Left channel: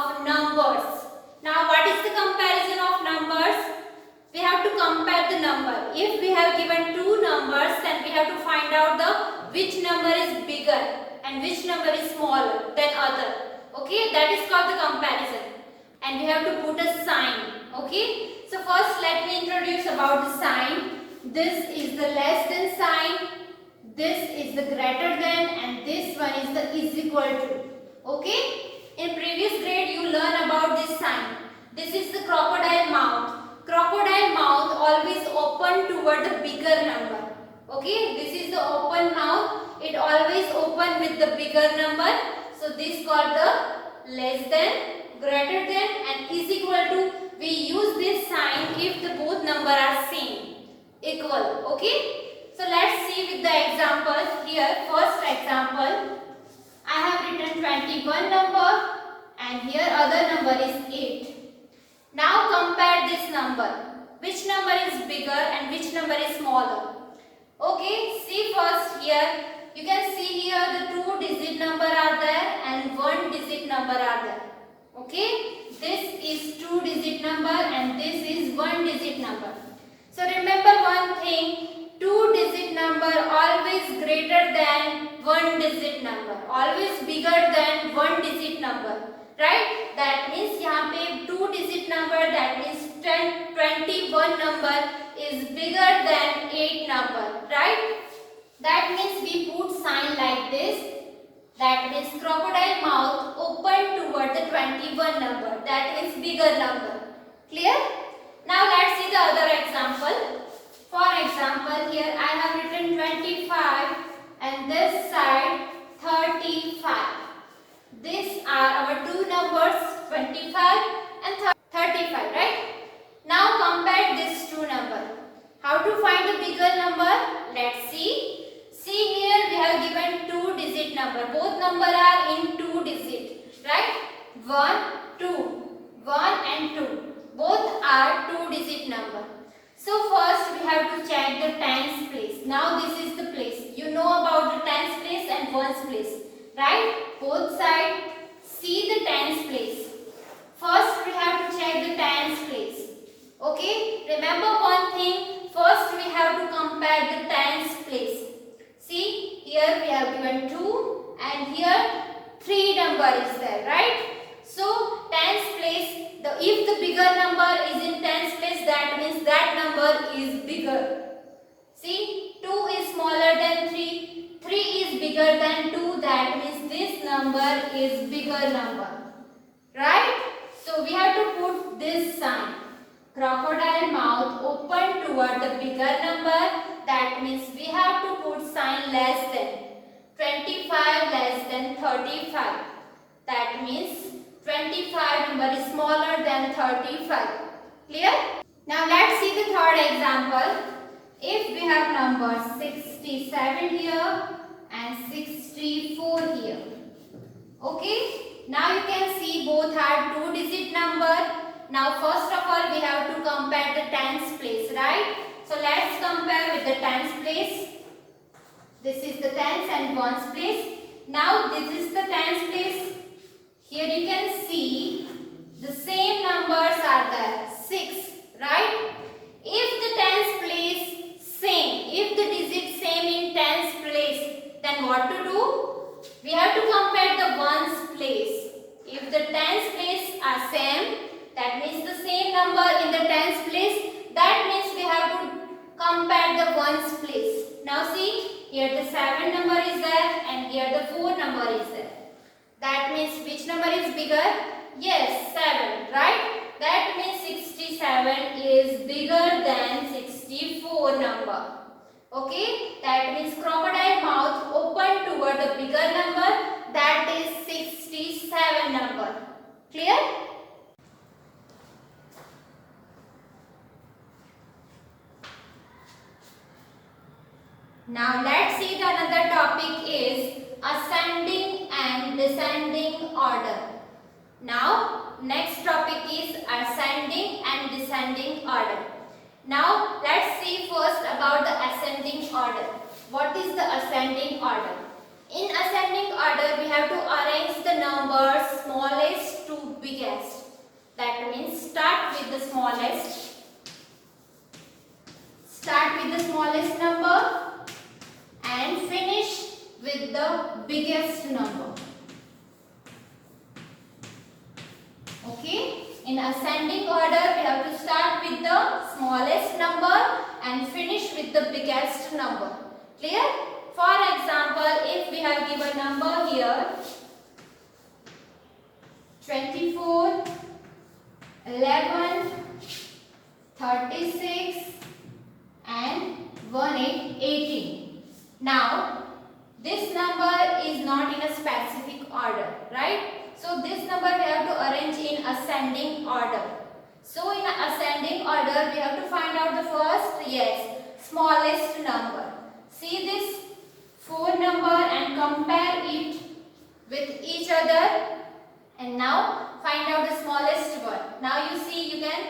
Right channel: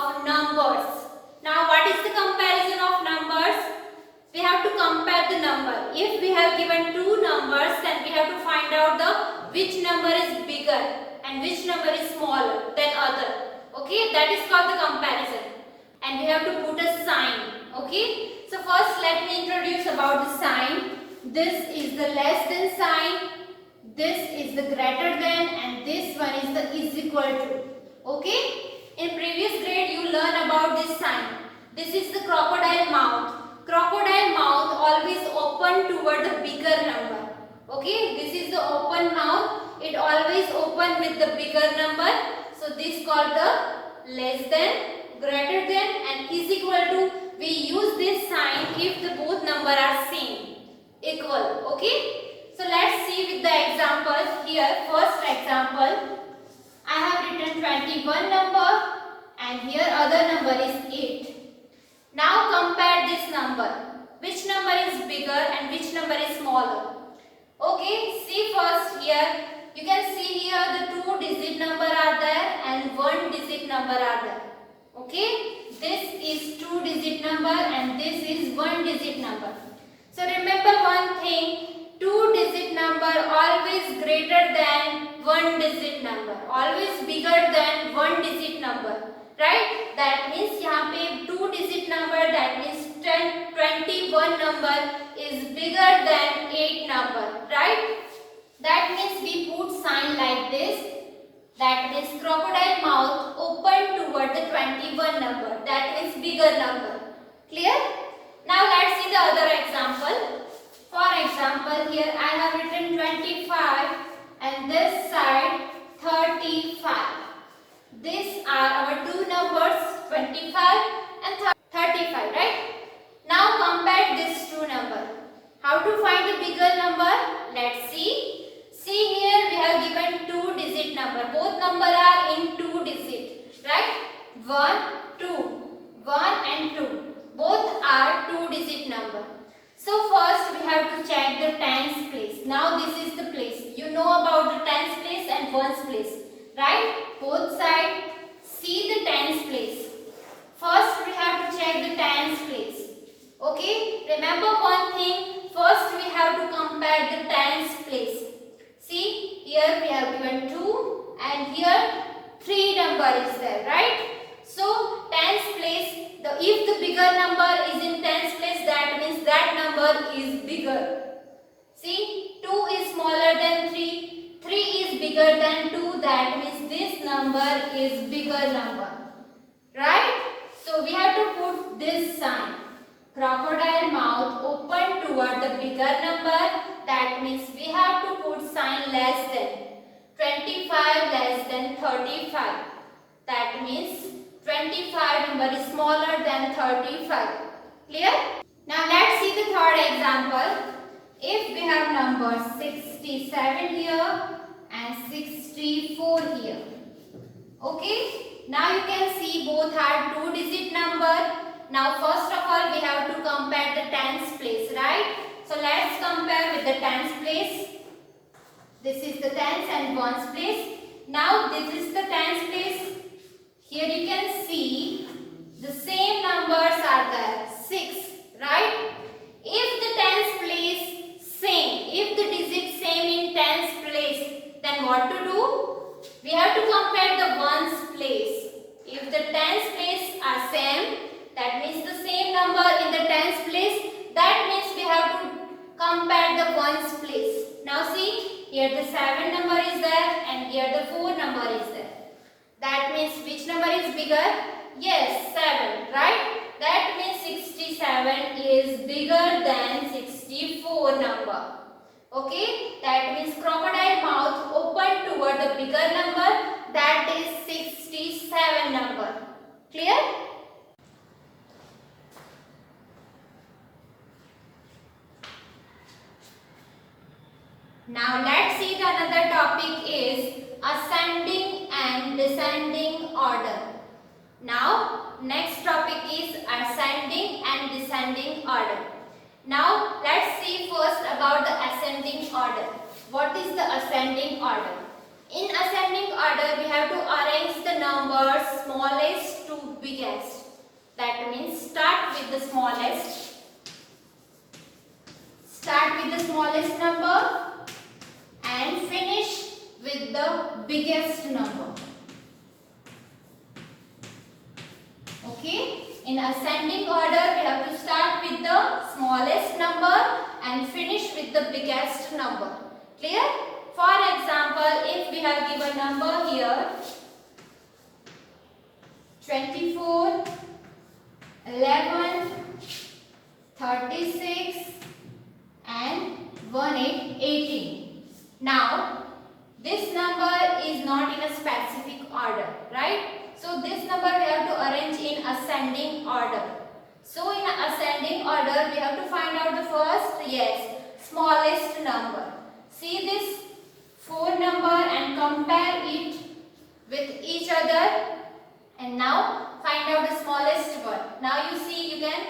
of numbers. Now what is the comparison of numbers? We have to compare the number. If we have given two numbers, then we have to find out the which number is bigger and which number is smaller than other. Okay, that is called the comparison. And we have to put a sign. Okay, so first let me introduce about the sign. This is the less than sign, this is the greater than, and this one is the is equal to. Okay, in previous grade you learn about this sign. This is the crocodile mouth. Crocodile mouth always open toward the bigger number. Okay, this is the open mouth. It always open with the bigger number. So this called the less than, greater than, and is equal to. We use this sign if the both number are same, equal. Okay. So let's see with the examples here. First example, I have written 21 number and here other number is 8. Now compare this number. Which number is bigger and which number is smaller? Okay, see first here. You can see here the 2-digit number are there and 1-digit number are there. Okay, this is 2-digit number and this is 1-digit number. So remember one thing, 2-digit number always greater than 1-digit number, always bigger than 1-digit number, right? That means यहाँ पे 2-digit number, that means 21 number is bigger than 8 number, right? That means we put sign like this. That means crocodile mouth open toward the 21 number, that is bigger number. Clear? Now let's see the other example. For example, here I have written 25 and this side 35. These are our two numbers, 25 and 35, right? Now compare these two numbers. How to find a bigger number? Let's see. See here we have given 2-digit number. Both number are in 2 digit, right? 1, 2. 1 and 2. Both are 2-digit number. So first we have to check the tens place. Now this is the place. You know about the tens place and ones place, right? Both sides. See the tens place. First we have to check the tens place. Okay? Remember one thing. First we have to compare the tens place. See, here we have given 2 and here 3 number is there, right? So, tens place, if the bigger number is in tens place, that means that number is bigger. See, 2 is smaller than 3, 3 is bigger than 2, that means this number is bigger number, right? So, we have to put this sign. Crocodile mouth open toward the bigger number, that means we have to put sign less than. 25 less than 35, that means 25 number is smaller than 35. Clear? Now let's see the third example. If we have numbers 67 here and 64 here. Okay? Now you can see both are 2-digit number. Now first of all we have to compare the tens place, right? So let's compare with the tens place. This is the tens and ones place. Now this is the tens place. Here you can see the same numbers are there, 6, right? If the tens place same, if the digit same in tens place, then what to do? We have to compare the ones place. If the tens place are same, that means the same number in the tens place, that means we have to compare the ones place. Now see, here the 7 number is there and here the 4 number is there. That means which number is bigger? Yes, 7, right? That means 67 is bigger than 64 number. Okay? That means crocodile mouth open toward the bigger number, that is 67 number. Clear? Now let's see the another topic is ascending and descending order. Now next topic is ascending and descending order. Now let's see first about the ascending order. What is the ascending order? In ascending order we have to arrange the numbers smallest to biggest. That means start with the smallest. Start with the smallest number and finish with the biggest number. Okay? In ascending order, we have to start with the smallest number and finish with the biggest number. Clear? For example, if we have given number here 24, 11, 36 and 18. Now, this number is not in a specific order, right? So this number we have to arrange in ascending order. So in ascending order, we have to find out the first, smallest number. See this 4 number and compare it with each other. And now find out the smallest one. Now you see, you can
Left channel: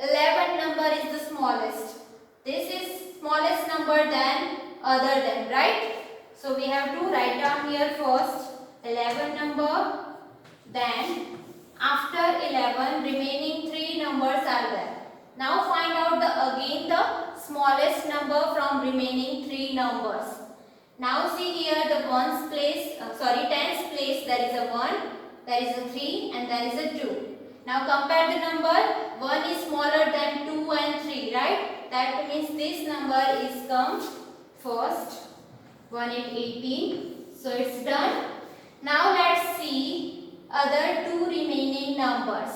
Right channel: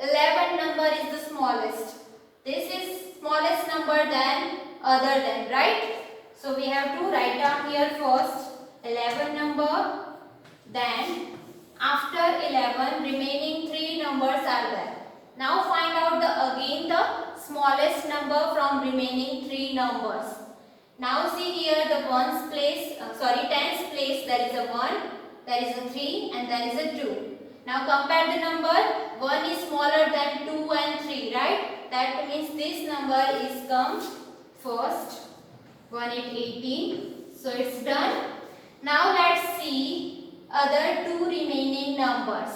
11 number is the smallest. This is smallest number than other than, right? So we have to write down here first 11 number. Then after 11 remaining 3 numbers are there. Now find out again the smallest number from remaining 3 numbers. Now see here the tens place there is a 1, there is a 3 and there is a 2. Now compare the number. 1 is smaller than 2 and 3, right? That means this number is come first. 1 is 18. So it's done. Now let's see other 2 remaining numbers.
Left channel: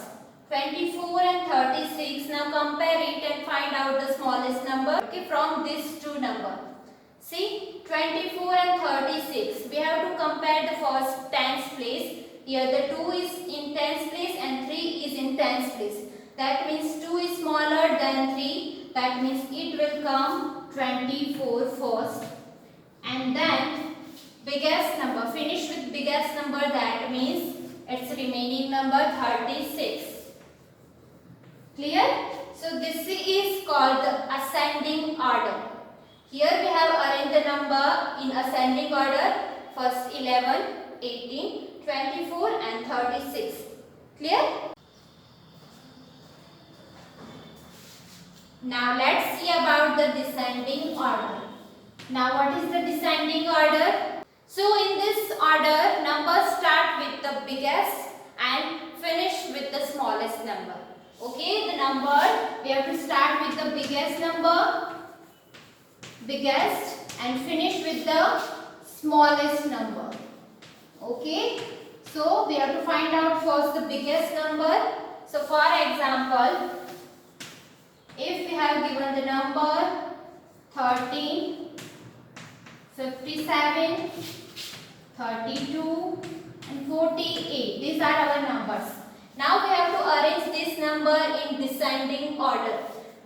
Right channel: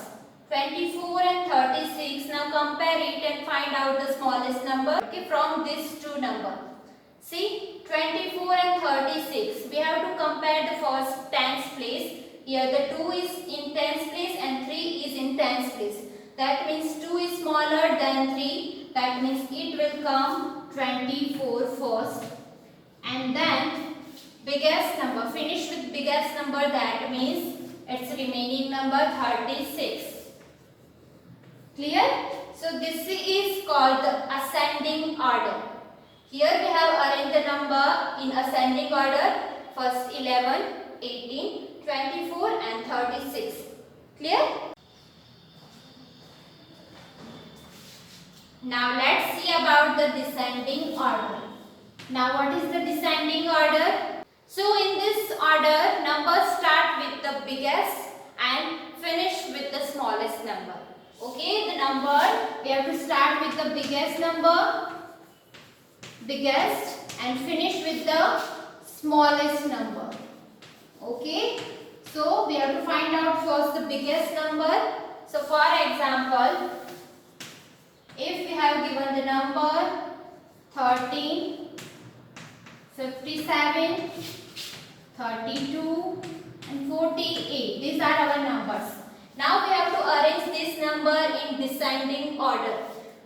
24 and 36. Now compare it and find out the smallest number from these 2 numbers. See 24 and 36. We have to compare the first tens place. Here the 2 is in tens place and 3 is in tens place. That means 2 is smaller than 3. That means it will come 24 first. And then biggest number. Finish with biggest number. That means its remaining number 36. Clear? So this is called the ascending order. Here we have arranged the number in ascending order. First 11, 18, 24 and 36. Clear? Now let's see about the descending order. Now what is the descending order? So in this order, numbers start with the biggest and finish with the smallest number. Okay, the number, we have to start with the biggest number, and finish with the smallest number. Okay, so we have to find out first the biggest number. So for example, if we have given the number 13, 57, 32 and 48. These are our numbers. Now we have to arrange this number in descending order.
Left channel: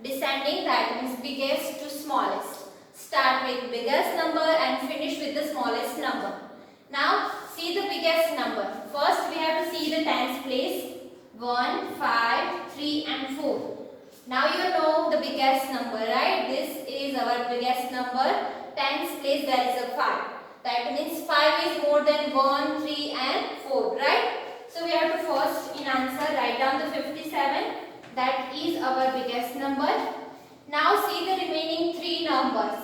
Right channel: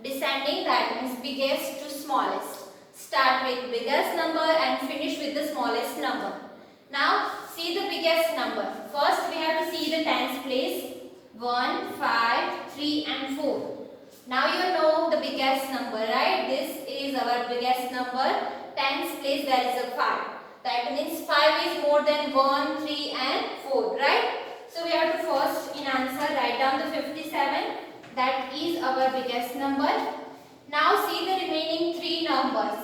Descending, that means biggest to smallest. Start with biggest number and finish with the smallest number. Now see the biggest number. First we have to see the tens place. 1, 5, 3 and 4. Now you know the biggest number, right? This is our biggest number. Tens place there is a 5. That means 5 is more than 1, 3 and 4, right? So we have to first in answer write down the 57. That is our biggest number. Now see the remaining 3 numbers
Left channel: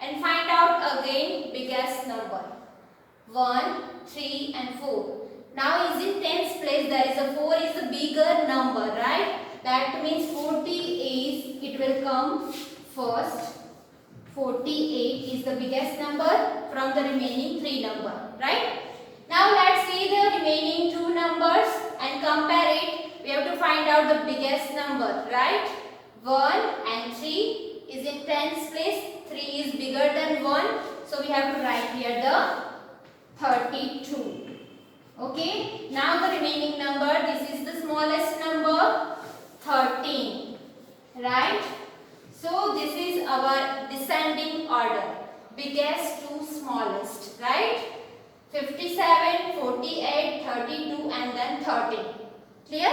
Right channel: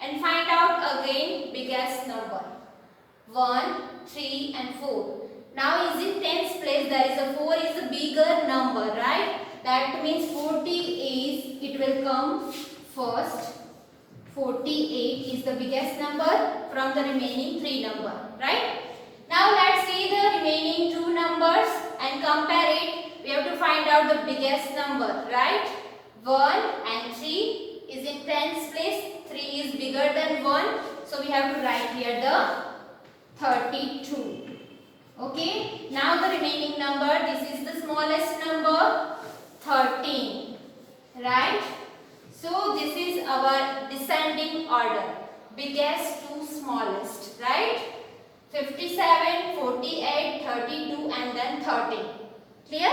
and find out again biggest number. 1, 3 and 4. Now is in tens place there is a 4 is a bigger number, right? That means 40 is, it will come first. 48 is the biggest number from the remaining 3 number, right? Now let's see the remaining 2 numbers and compare it. We have to find out the biggest number, right? 1 and 3 is in tens place. 3 is bigger than 1. So we have to write here the 32. Okay. Now the remaining number, this is the smallest number, 13. Right? So this is our descending order. Biggest to smallest. Right? 57, 48, 32 and then 13. Clear?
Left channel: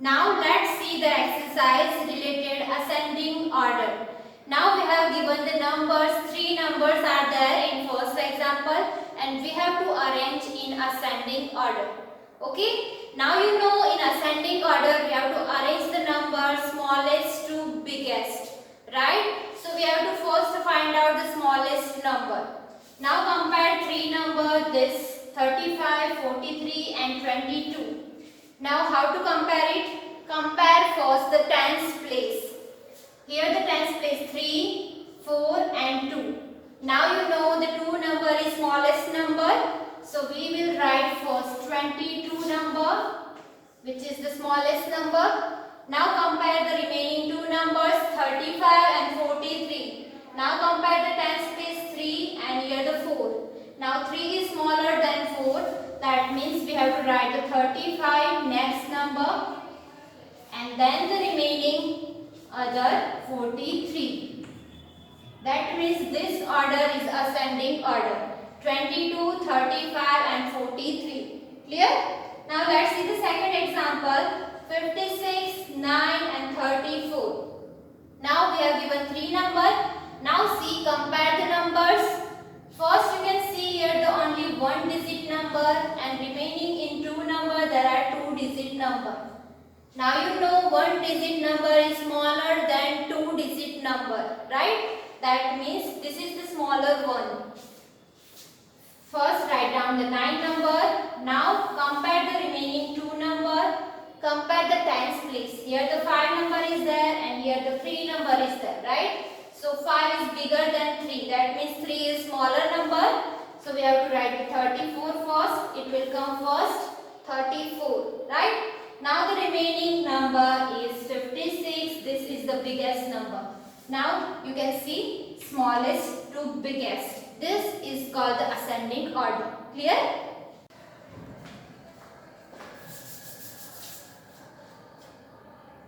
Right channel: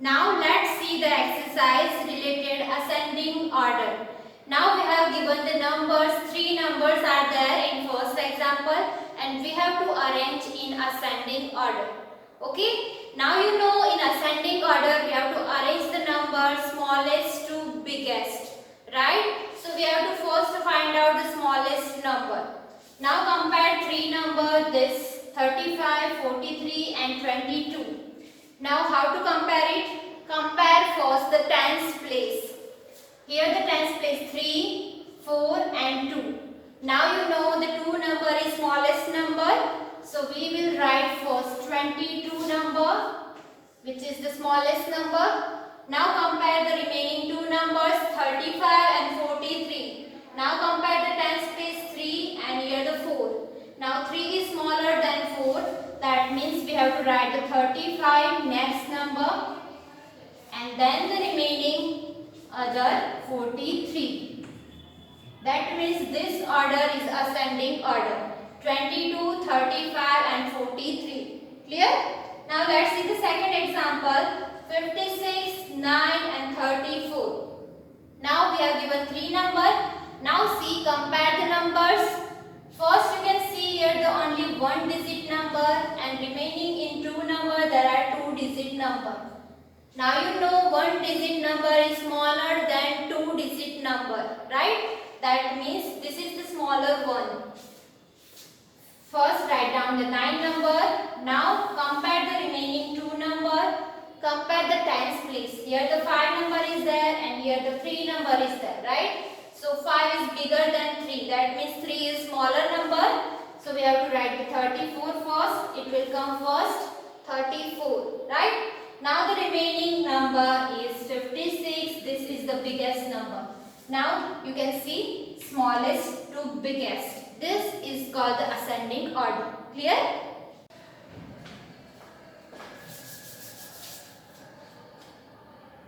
Now let's see the exercise related ascending order. Now we have given the numbers, 3 numbers are there in first example and we have to arrange in ascending order. Okay. Now you know in ascending order we have to arrange the numbers smallest to biggest. Right? So we have to first find out the smallest number. Now compare three numbers, this 35, 43 and 22. Now how to compare it? Compare first the tens place. Here the tens place 3, 4 and 2. Now you know the 2 number is smallest number. So we will write first 22 number, which is the smallest number. Now compare the remaining two numbers 35 and 43. Now compare the tens place 3 and here the 4. Now 3 is smaller than 4. That means we have to write the 35 next number and then the remaining other 43. That means this order is ascending order. 22, 35 and 43. Clear? Now let's see the second example. 56, 9 and 34. Now we have given three numbers. Now see, compare the numbers. First you can see here the only one digit number and remaining in two number there are two digit number. Now you know one digit number is smaller than two digit number, right? That means this is the smaller one. First write down the 9 number. Now compare the remaining two number. Compare the tens place. Here the 5 number is there and here the 3 number is there, right? So 5 is bigger than 3. That means 3 is smaller number. So we have to write the 34 first. It will come first. 34, right? Now the remaining number is 56. This is the biggest number. Now you can see smallest to biggest. This is called the ascending order. Clear?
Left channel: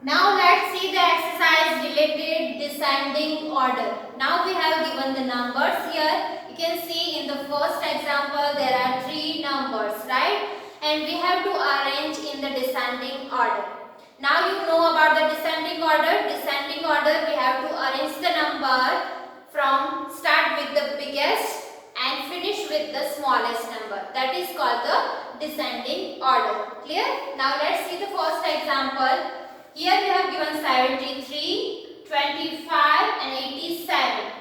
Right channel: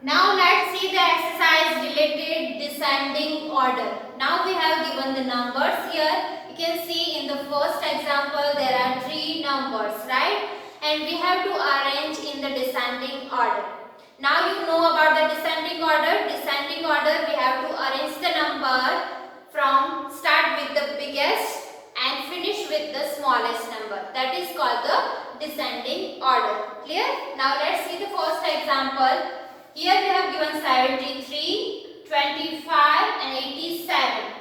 Now let's see the exercise related descending order. Now we have given the numbers here. You can see in the first example there are three numbers, right? And we have to arrange in the descending order. Now you know about the descending order. Descending order, we have to arrange the number from start with the biggest and finish with the smallest number. That is called the descending order. Clear? Now let's see the first example. Here we have given 73, 25 and 87,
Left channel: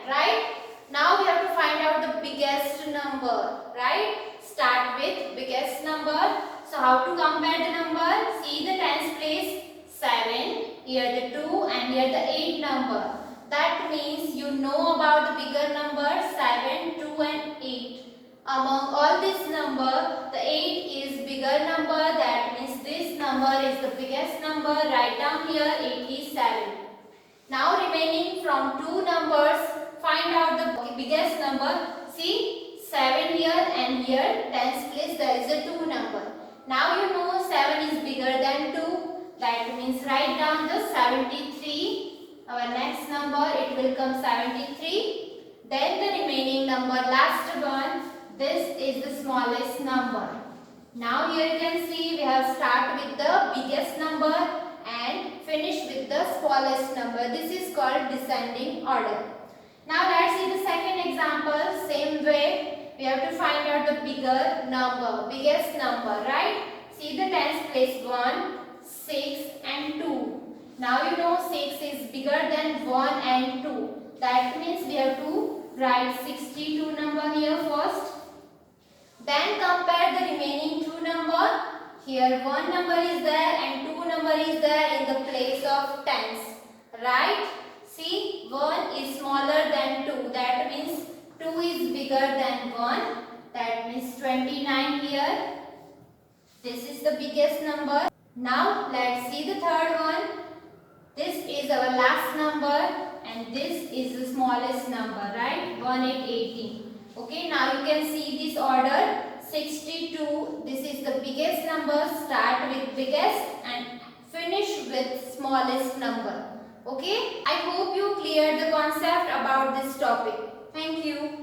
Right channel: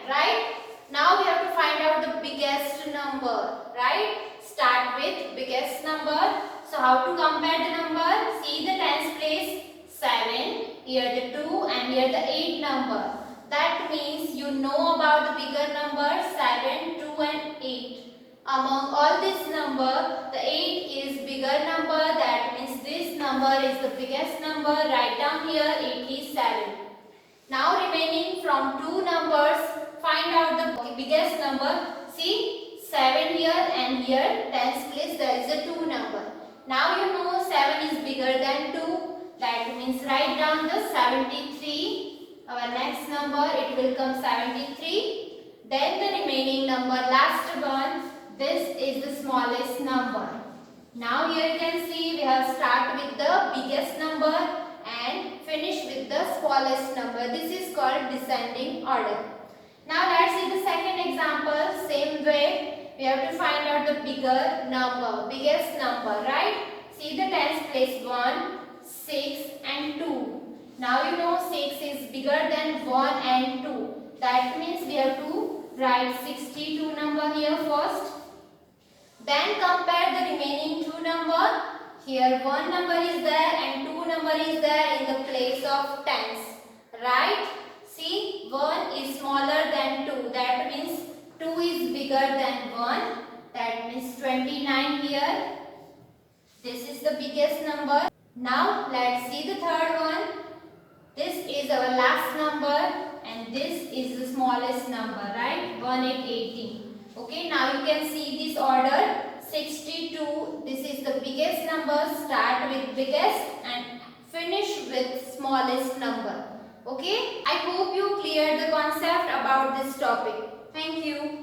right? Now we have to find out the biggest number, right? Start with biggest number. So how to compare the number? See the tens place 7, here the 2 and here the 8 number. That means you know about the bigger number 7, 2 and 8. Among all this number, the 8 is bigger number. That means this number is the biggest number. Write down here 87. Now remaining from two numbers, find out the biggest number. See 7 here and here tens place there is a 2 number. Now you know 7 is bigger than 2. That means write down the 73. Our next number it will come 73. Then the remaining number, last one, this is the smallest number. Now here you can see we have start with the biggest number and finish with the smallest number. This is called descending order. Now let's see the second example. Same way we have to find out the bigger number, biggest number, right? See the tens place 1, 6 and 2. Now you know 6 is bigger than 1 and 2. That means we have to write 62 number here first. Then compare the remaining two number. Here 1 number is there and 2 number is there in the place of tens. Right? See 1 is smaller than 2. That means 2 is bigger than 1. That means 29 here. This is the biggest number. Now let's see the third one. This is our last number and this is the smallest number, right? 1 and 18. Okay, now you can see this order. 62, this is the biggest number. Start with biggest and finish with smallest number. Okay, I hope you cleared the concept about this topic. Thank you.